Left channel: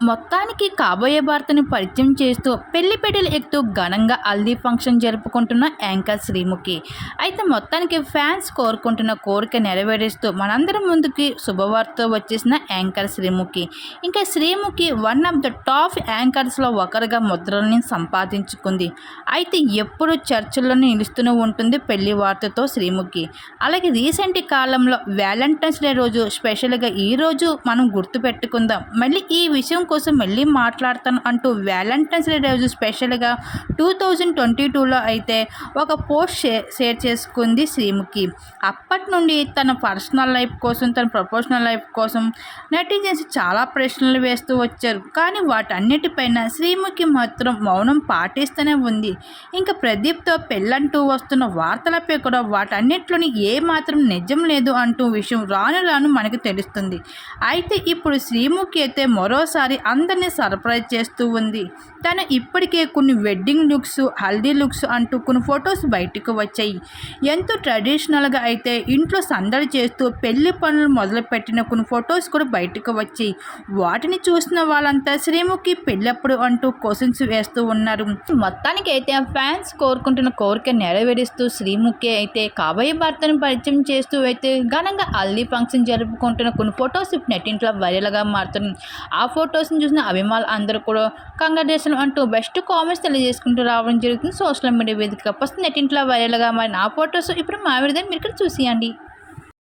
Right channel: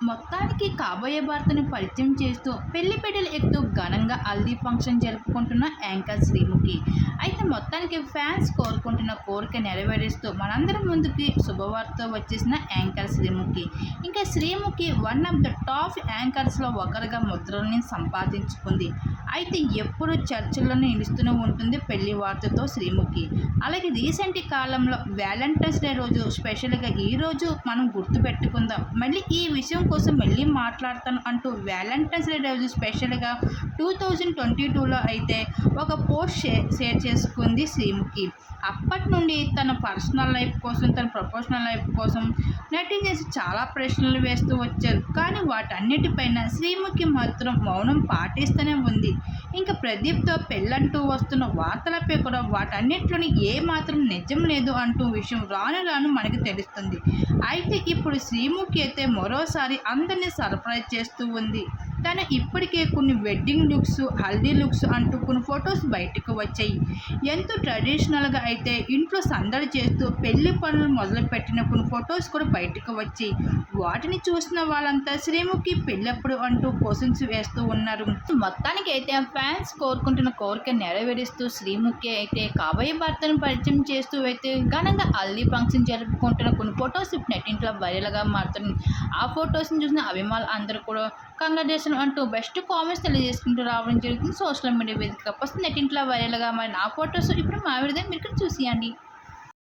మొత్తానికి కాబోయే భర్తని పరిచయం చేస్తూ పెళ్లి పెళ్లిలు ఎక్కుతూ ఘనంగా హల్దీ ఫంక్షన్ జరుపుకుంటున్న యాంకర్ శ్రీముఖి. అయితే మొత్తానికి ఫ్యాన్స్ కోరుకుంటున్న కోరిక నెరవేరుస్తూ మనందరం ముందుకి శుభవార్తతో వచ్చేసిన యాంకర్ శ్రీముఖి. ఇంకా Sreemukhi one of the top యాంకర్స్లో ఒకరుగా ముద్రల్ని సంపాదించుకుంది. అయితే ఎప్పుడు చర్చల్లోనే నిలుస్తూనే ఉంటుంది పెళ్లి వార్తతో శ్రీముఖి. అలాగే రీసెంట్ కాలంలో వ్యాలంటైన్స్ డే రోజు స్పెషల్గా ఈరోజు మనం గుర్తుపెట్టుకుందాం. మళ్ళీ ఈ విషయం కోసం మళ్ళీ మాట్లాడతాను అంటూ వ్యాలంటైన్స్ డే రోజు స్పెషల్గా 2022లో అయితే ఒక పోస్ట్ షేర్ చేసుకుంది శ్రీముఖి. అప్పటి నుండి తన పర్సనల్ లైఫ్ కోసం, తన ప్రొఫెషనల్ లైఫ్ కోసం నెటిజన్స్ చాలా ప్రశ్నలు వేస్తూ వచ్చారు. కానీ వాటన్నిటిపైన శ్రీముఖి మాత్రం మౌనం పాటిస్తూనే ఉంది. ఇంకా ప్రదీప్తో పెళ్ళంటూ వస్తున్న వార్తలపై కూడా వాటన్నిటిలోని ఏ మాత్రం నిజం లేదు అంటూ విషయం రాను రాను మనకు తెలుస్తుంది. అయితే ఇప్పుడు శ్రీముఖి అయితే మరోసారి అందరినీ సర్ప్రైజ్ చేస్తూ ఉంది. తను ఇప్పటికే కొన్ని వెడ్డింగ్ లుక్స్, హల్దీ లుక్స్ అంటూ కొన్ని ఫొటోస్ బయటకు వచ్చాయి. ఎంతో ట్రెడిషనల్గా అయితే ఇంట్లో సందడి చేస్తూ పెళ్లి పనులు మొదలుపెట్టిన కొన్ని ఫొటోస్ కూడా బయటకు వచ్చాయి. వాటిని చూసిన వాళ్ళంతా శ్రీముఖి పెళ్ళప్పుడు అంటూ క్వశ్చన్స్ వేస్తూ ఉన్నారు. మొత్తానికి అయితే ఫ్యాన్స్ కోరుకుంటున్న కోరిక నెరవేరుస్తూ శ్రీముఖి అయితే కాబోయే భర్తను పరిచయం చేస్తూ అయితే ఘనంగా హల్దీ ఫంక్షన్ జరుపుకుంటున్న కొన్ని ఫొటోస్ నెట్టింట్లో వైరల్గా మారుతున్నాయి. ఆ ఫొటోస్ని చూసిన అభిమానులు అందరూ కూడా కంగ్రాచులేషన్ అంటూ బెస్ట్ కామెంట్స్ తెలియజేసుకుంటూ రావడం జరుగుతుంది. సోషల్ మీడియా వేదికగా నెట్టింట్లో వైరల్గా మారిన ఆ ఫొటోస్ ఇప్పుడు మా విధంగా మీరు ఇక్కడ చూసియండి.